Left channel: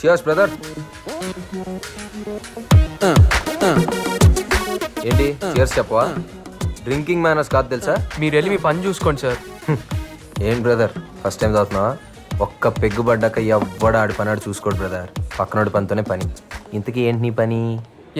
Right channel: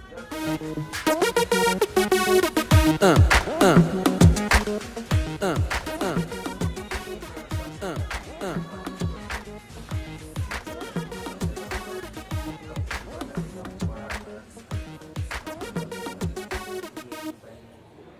Cheers brother. ఏంటి cheers చెప్పవా? Drinking manners కాదు తెలుసా? మీరు వెళ్ళి మీ పని చూసుకోండి సార్. ఏం బ్రదర్ ఫస్ట్ టైం తాగుతున్నావా? ఒక్క పెగ్గు పడ్డాక ఎవ్వడ ఆడి పని ఆడు చూసుకోడు బ్రదర్. పక్కనోడి పనితోనే పని. ఇంతకీ ఏంటి నీ పని?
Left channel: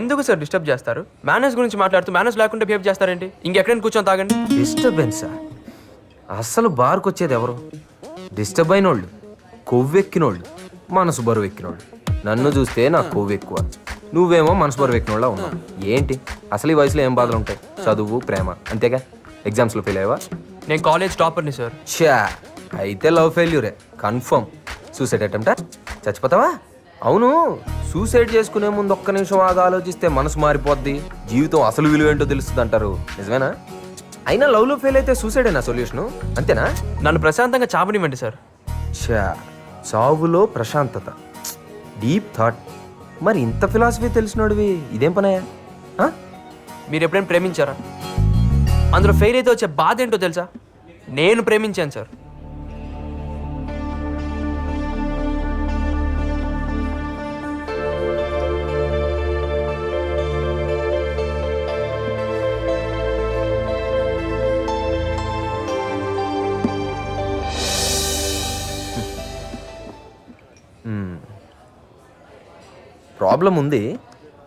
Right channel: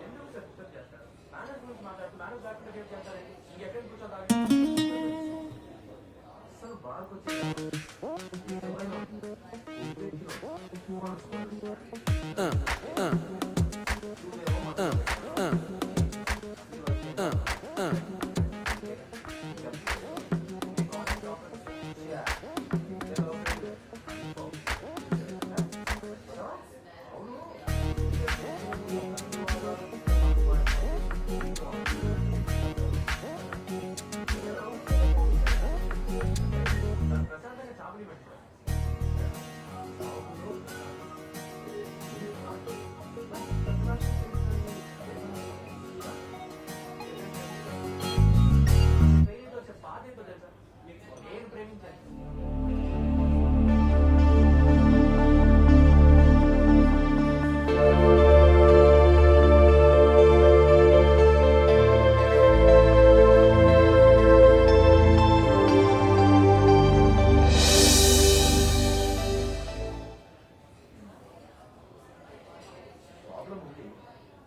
ఎందుకు సార్ డిస్టర్బ్ చేస్తారు? మేనేజ్ గురించి మాట్లాడుతూ మేనేజ్ లేకుండా బిహేవ్ చేస్తారేంటి? ఇంకెక్కడైనా కూర్చొని తాగండి. డిస్టర్బెన్సా? అస్సలు బార్కి వచ్చేది ఎవరు? డిస్టర్బ్ అయినోళ్ళు, కొవ్వెక్కినోళ్ళు, మనసు బరువు ఎక్కినోళ్ళు. నన్ను చూస్తే నాకు కొవ్వు ఎక్కువ, నువ్వేమో మనసు బరువు ఎక్కినోళ్ళ ఉన్నావు. ఏంటి అసలు ఈ వయసులో ఏం బాధలు ఉంటాయి? చదువు, ప్రేమ, అంతేగా. ఎగ్జామ్స్లో ఫెయిల్ అయ్యావా? నేను కాలేజ్ టాపర్ని సార్. చా, అయితే లవ్ ఫెయిల్యూరే కన్ఫర్మ్. సూసైడ్ అటెంప్టా? చచ్చిపోతావా? అవును, సూసైడ్ చేసుకునే ముందు ఒక్క నిమిషం ఆగా ఆలోచిస్తే మనసు మారిపోద్ది, జీవితం అసలు విలువ ఏంటో తెలుస్తుంది అంటారు. నిజమేనా? అయినా లవ్లో ఫెయిల్ అయితే సూసైడేనా సొల్యూషను? అంతేనా? నన్ను ప్రశాంతంగా చావనివ్వండి సార్. చా, చావులో ప్రశాంతత, డీప్ థాట్. మరి ఇంత ఫిలాసఫీ తెలిసినోడివి ఇదేం పనయా? మీరు ఎప్పుడైనా ప్రేమించారా? అందులో ఫెయిల్ అయితే వచ్చే బాధ ఏంటో తెలుసా? నేను ప్రేమించాను సార్. ప్రాబ్లం ఉంది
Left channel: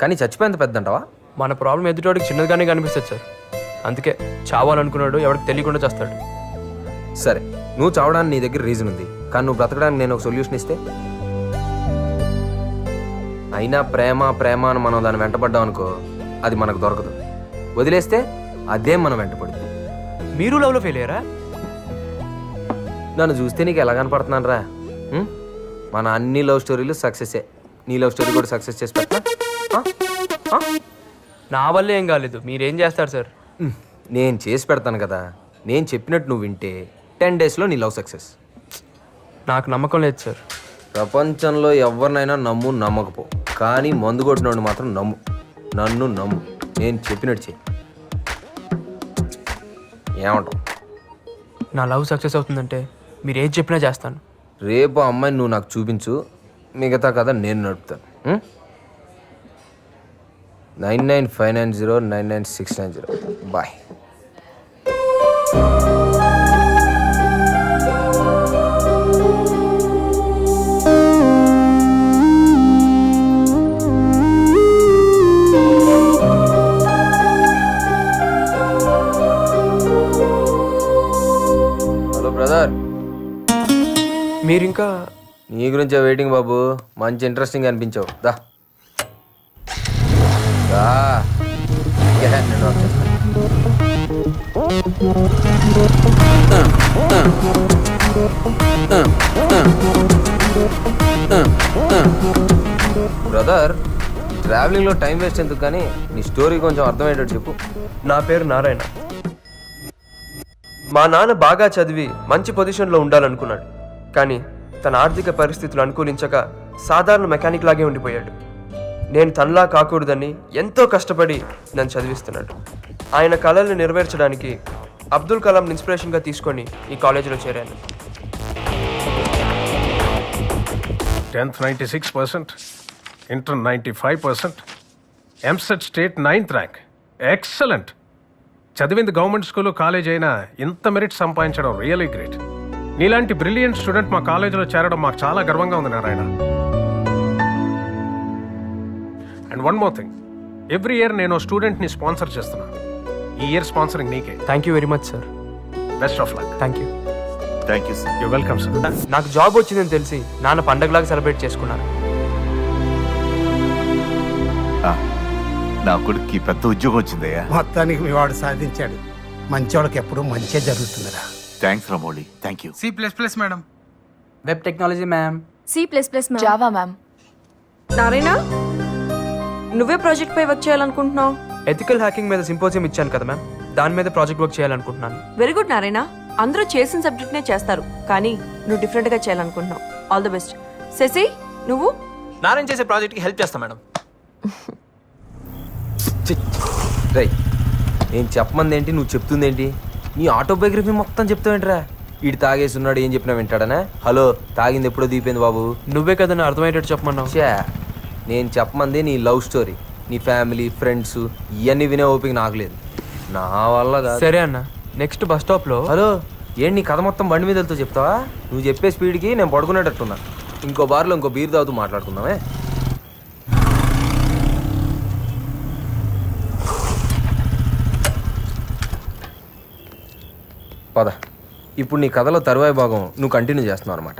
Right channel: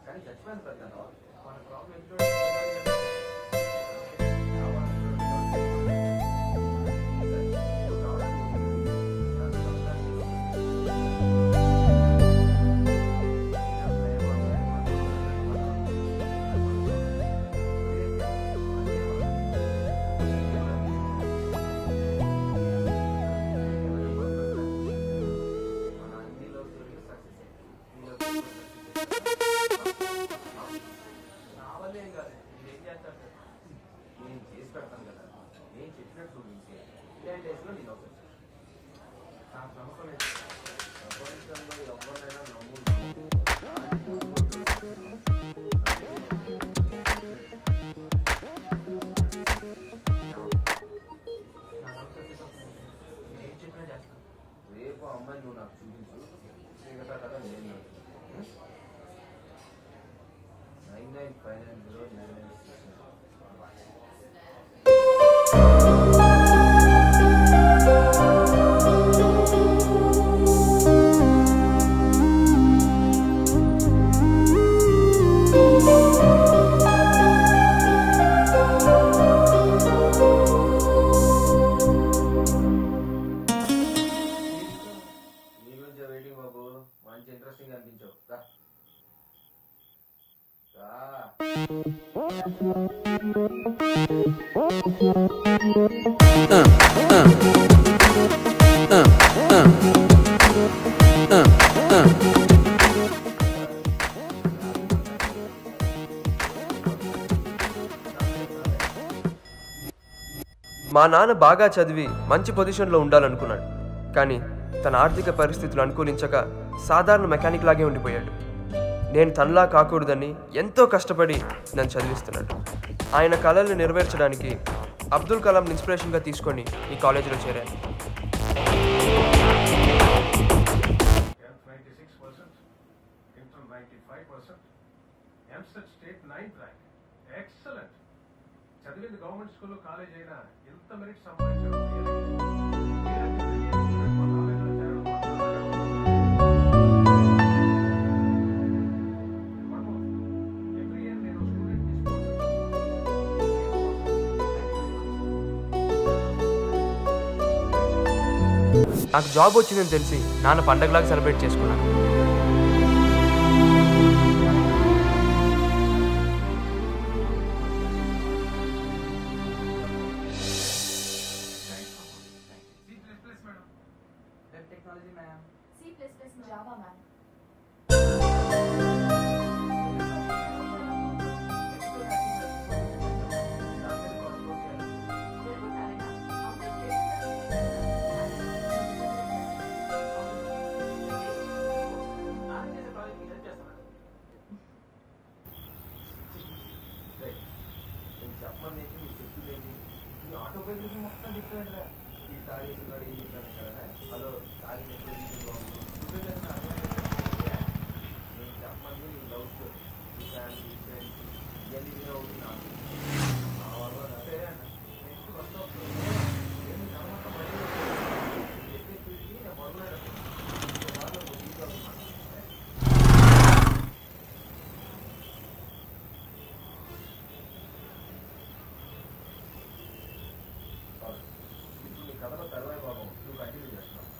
కానీ చచ్చిపోయేంత పెద్ద అంటావా? మన ప్రాబ్లం ఎదుటోడికి చిన్నదిగానే కనిపిస్తుంది సార్. అందుకే చావాలనుకున్నాడు ఎవరికి తెలియకుండా చేస్తాడు. సరే, నువ్వు చావడానికి నీ దగ్గర రీజన్ ఉంది, కానీ నువ్వు బ్రతకడానికి నేను ఒక సొల్యూషన్ ఇస్తే? అయినా ప్రేమ ప్రేమ అని మనం దాన్ని వెంటపడ్డాం అనుకో, అది మనకు దొరకదు. వదిలేస్తే అదే మనం వెంటపడుతుంది. మీరు లవ్లో ఫెయిల్ అయ్యారా? నన్ను చూస్తే నీకు ఎలా కనపడుతున్నాను రా? మన అన్ని లవ్ స్టోరీలు సక్సెసే. నీ లవ్ స్టోరీ కూడా సక్సెస్ చేసి పెట్టా? నా వల్లే ఏం కాలేదు, మీరేం చేస్తారు సార్? నేను చేసి పెడతాను కదా. నేను చెప్పినట్టు నువ్వు వింటే 10 daysలో నీ లవ్ సక్సెస్. నాకు నమ్మకం లేదు సార్. ప్రపంచంలో ఎవరినైనా నమ్ము, నమ్మకపో, కానీ మందు కొట్టినోడు మాత్రం నమ్ము. నన్ను నమ్ము, నేను చెప్పినట్టు చెయ్యి. ఏమంటావు? నా లవ్ సక్సెస్ అవుతుందంటే మీరు ఏది చెప్పినా చేస్తాను. రేపు ఆ అమ్మాయిని నువ్వు నాకు చూపించు, మిగతా కదా నేను నడుపుతాను. 9959099690. బాయ్. Hello brother. మీరింకా నీ గురించే వెయిటింగ్ బాబు. మంచి ఇంట్రెస్టింగ్ అనిపించావు. దా దా. బ్రదర్, ట్రావెలింగ్లో టైం వేస్ట్ ఎందుకు, కానీ నీ స్టోరీ కొంచెం అర్థమయ్యేటట్టు చెప్పు. నా పేరు నారాయణ. మా నాన్న బాగా చదివి మంచి పొజిషన్లో ఉండాలనుకున్నాడు, కానీ తన ఆర్థిక పరిస్థితులు అనుకూలించక సాధారణ మెకానిక్ లాగే ఉండిపోయాడు. నేను తనలా కాకూడదని ఎంతో కష్టపడి నన్ను చదివిస్తున్నాడు. ఆయన కళల్ని నెరవేర్చడానికి అబ్దుల్ కలాం ఇన్స్పిరేషన్గా తీసుకొని ఈ కాలేజీలో చేరాను. 10th 96%, Inter 95%, EAMCET state 9th rank. Excellent. చదివింది గవర్నమెంట్ స్కూల్, కాలేజ్ అయినా ఇంత మెరిట్ సంపాదించడం రియలీ గ్రేట్. నీలాంటి బ్రిలియంట్ స్టూడెంట్ మా కాలేజీలో చేరడం మాకు చాలా గర్వంగా ఉంది Narayana. And one more thing, every year నేను స్టూడెంట్ని స్పాన్సర్ చేస్తున్నాను. ఈ ఇయర్ స్పాన్సరింగ్ నీకే. Thank you very much sir. Best of luck. Thank you. Thank you sir. You welcome sir. నాకు జాబ్ వచ్చిందని తెలిసి నాన్న పండగలాగా సెలబ్రేట్ చేసుకున్నాను. నా కొడుక్కి పెద్ద ఉద్యోగం వచ్చిందయ్యా. మొత్తానికి మీ వాడు సాధించాడు. మంచోళ్ళకి ఎప్పుడు మంచిగా జరుగుతుందిరా. థ్యాంక్స్ రామోళి. Thank you. C++ madam. Web technology ma'am. C++ Java ma'am. Narayana, నువ్వే ప్రాజెక్ట్ పై వర్క్ చేయాలనుకుంటున్నావు? ఎథికల్ హ్యాకింగ్ మీద సింపోజియం ఇచ్చాను కదా మ్యామ్, దాని మీద ప్రాజెక్ట్ వర్క్ చేయాలనుకుంటున్నాను. Very good Narayana. అందరూ చేసిన సబ్జెక్ట్నే చేస్తారు, కానీ నువ్వు డిఫరెంట్గా చేయాలనుకుంటున్నావు. All the best. శశి, నువ్వు? నారాయణ చేసే ప్రాజెక్ట్కి హెల్ప్ చేస్తా మేడం. రై, నేను చెప్పమంది ఏంటి, నువ్వు చెప్తుంది ఏంటి? నీ ఆటోబయోగ్రఫీ మొత్తం చెప్తావేంట్రా? ఇటు తాగేసి ఉన్నాడు ఏం చెప్పినా వింటాడనే. హలో, తాగింది ఎప్పుడో దీపోయింది బాబు. నువ్వే కదా అర్థమయ్యేటట్టు చెప్పమన్నావు. ఛే, నేను చెప్పమంది నీ లవ్ స్టోరీ, నీ ఫ్యామిలీ ఫ్రెండ్స్ ఇవన్నీ వినే ఓపిక నాకు లేదు. నా వల్ల కాదు. సరే అన్న, నెక్స్ట్ బస్ స్టాప్లో. హలో, ఏంటి నీ కథ మొత్తం బండి మీద వెళ్తూ చెప్తావా? నువ్వు చెప్పే స్పీడ్కి నేను పడుకునేటట్టున్నా. ఇంకో బార్లో ఇంకో బీర్ తాగుతూ మాట్లాడుకుందామే. పద. ఇప్పుడు నీ కథలో తరువాయి భాగం నువ్వు కంటిన్యూ చేస్తున్నావు అనమాట.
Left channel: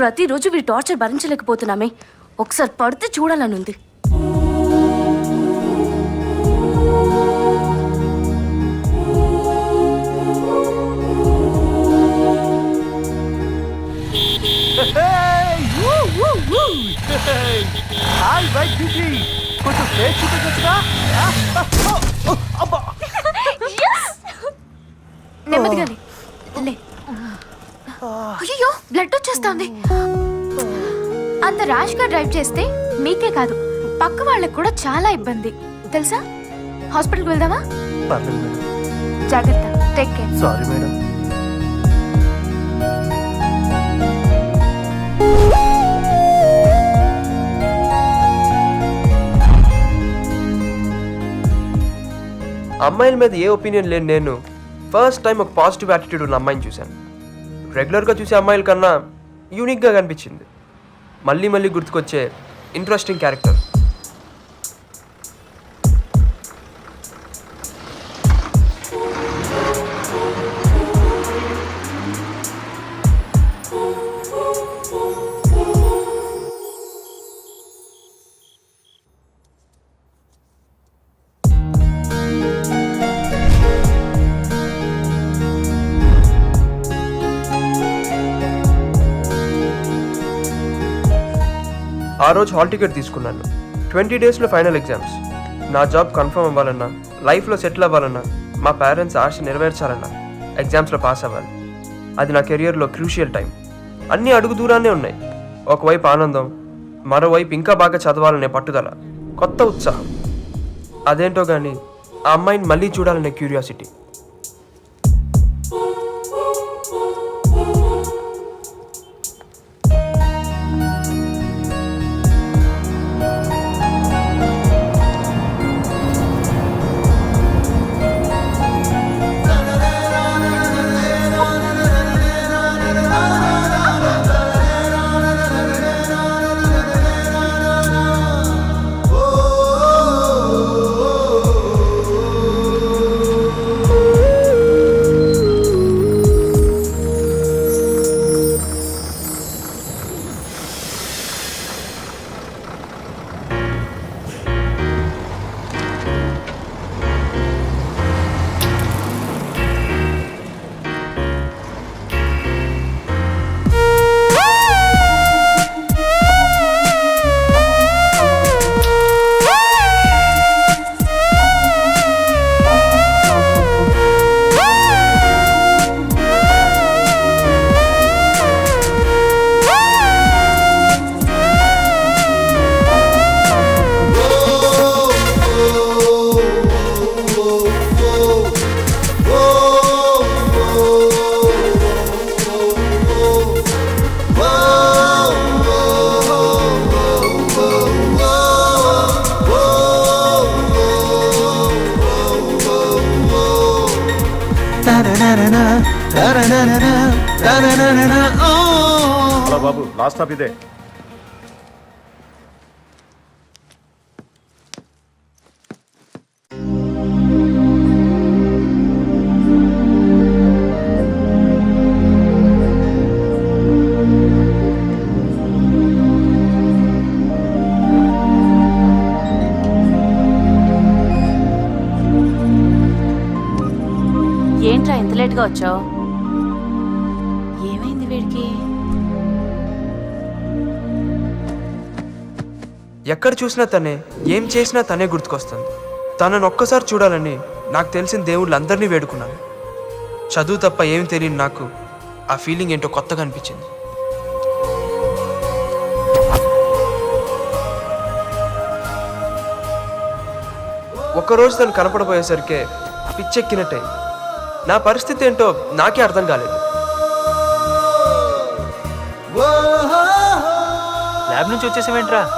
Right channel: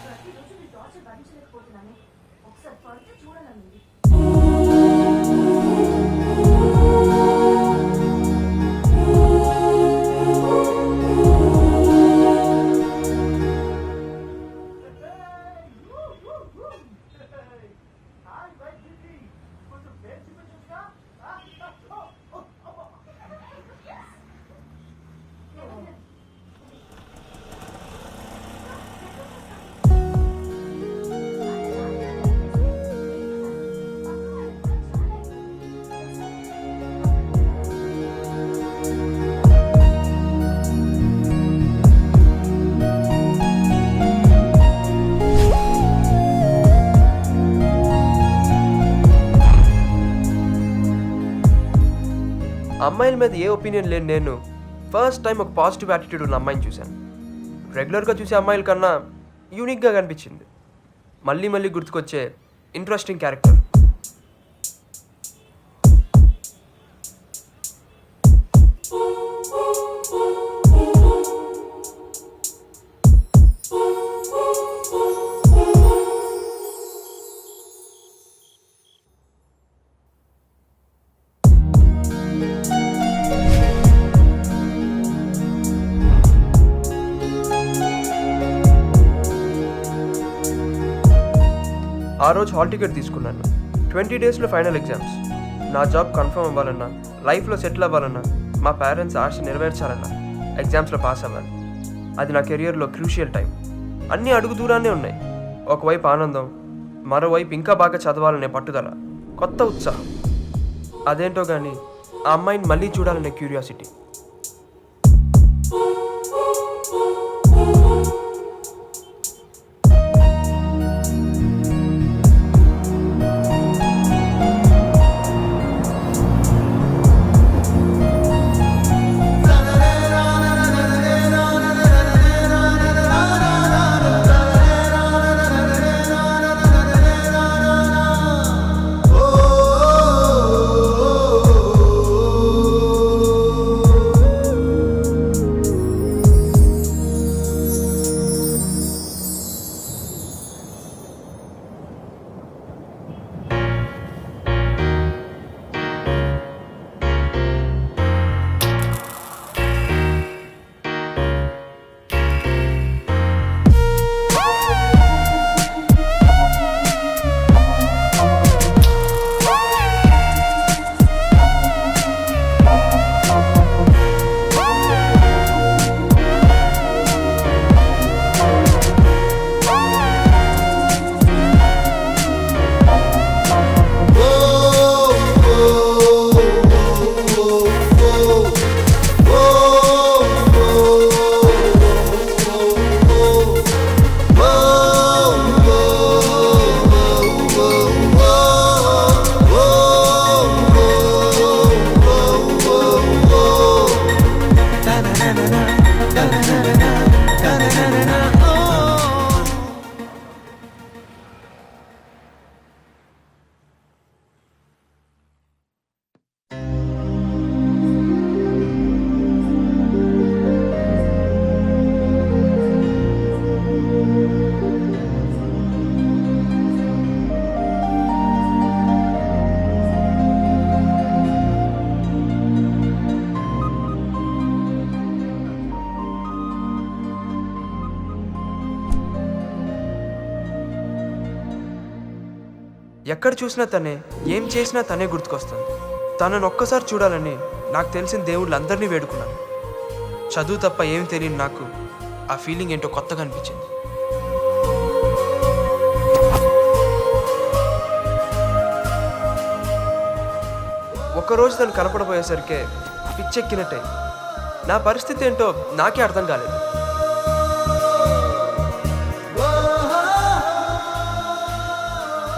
ప్రతిరోజు వీడి టార్చర్ భరించలేకపోతున్నామే. ఒకసారి పడితే చూడాలని ఉంది. నెమ్మదిగా లే. అయ్యో, బ్లడ్ వచ్చేస్తుంది. అంత ర్యాష్ గా డ్రైవ్ చేస్తే మీకే కాదు పక్క వాళ్ళకి కూడా చాలా ఇబ్బంది తెలుసా. హాస్పిటల్కి వెళ్దామా? జాగ్రత్త, టేక్ కేర్. Sorry madam. అమ్మాయిల మీద ఏ ఒపీనియన్ లేని నేను ఫస్ట్ టైం ఒక పాజిటివ్ యాటిట్యూడ్ ఉన్న అమ్మాయిని చూశాను. రెగ్యులర్గా చూసే అమ్మాయిల కన్నా యూనిక్గా కనిపించింది. మళ్ళీ మళ్ళీ గుర్తుకొచ్చే ఇంట్రెస్టింగ్ క్యారెక్టర్. ఆ రోజు హాల్ టికెట్ తీసుకున్నాను. 20 డేస్లో ఫైనల్ ఎగ్జామ్స్. నా జాబ్ కన్ఫర్మ్ అవ్వాలన్నా, లైఫ్లో సెటిల్ అవ్వాలన్నా, మా పేరెంట్స్ ఆశ నెరవేర్చాలన్నా ఎగ్జామ్స్లో పాస్ అవ్వాలి. అది నా కెరియర్లో క్రూషియల్ టైం. అన్నీ అడుగు దూరాన్నే ఉన్నాయి. ఒకవైపు ఆనందం, మరోవైపు ఇంకా బాగా చదవాలనే పట్టుదల, కొత్త ఉత్సాహం. అదేంటో కానీ ఆ అమ్మాయిని మళ్ళీ చూడాలనే క్యూరియాసిటీ. బాబు లాస్ట్ స్టాప్ ఇదే. ఏంట్రా ఎంత లేట్గా వచ్చావు? ఏమైంది వీడికి? ఎక్కడ చూసినా తనే, ఏం చేసినా తనే గుర్తుకొస్తుంది. తనను ఒక్కసారి చూడాలని నాకు తెలిసిన దేవుళ్ళందరినీ వేడుకున్నాను. చదువు తప్ప ఏం తెలియని నాకు ఆ ఫీలింగ్ ఏంటో కొత్తగా అనిపించింది. ఒక్కరోజు తను కనపడబోయేసరికే పిచ్చెక్కినట్టే. నా పరిస్థితి ఏంటో నాకే అర్థం కాలేదు. ల్యాబ్ నుంచి వచ్చేసేవేంట్రా?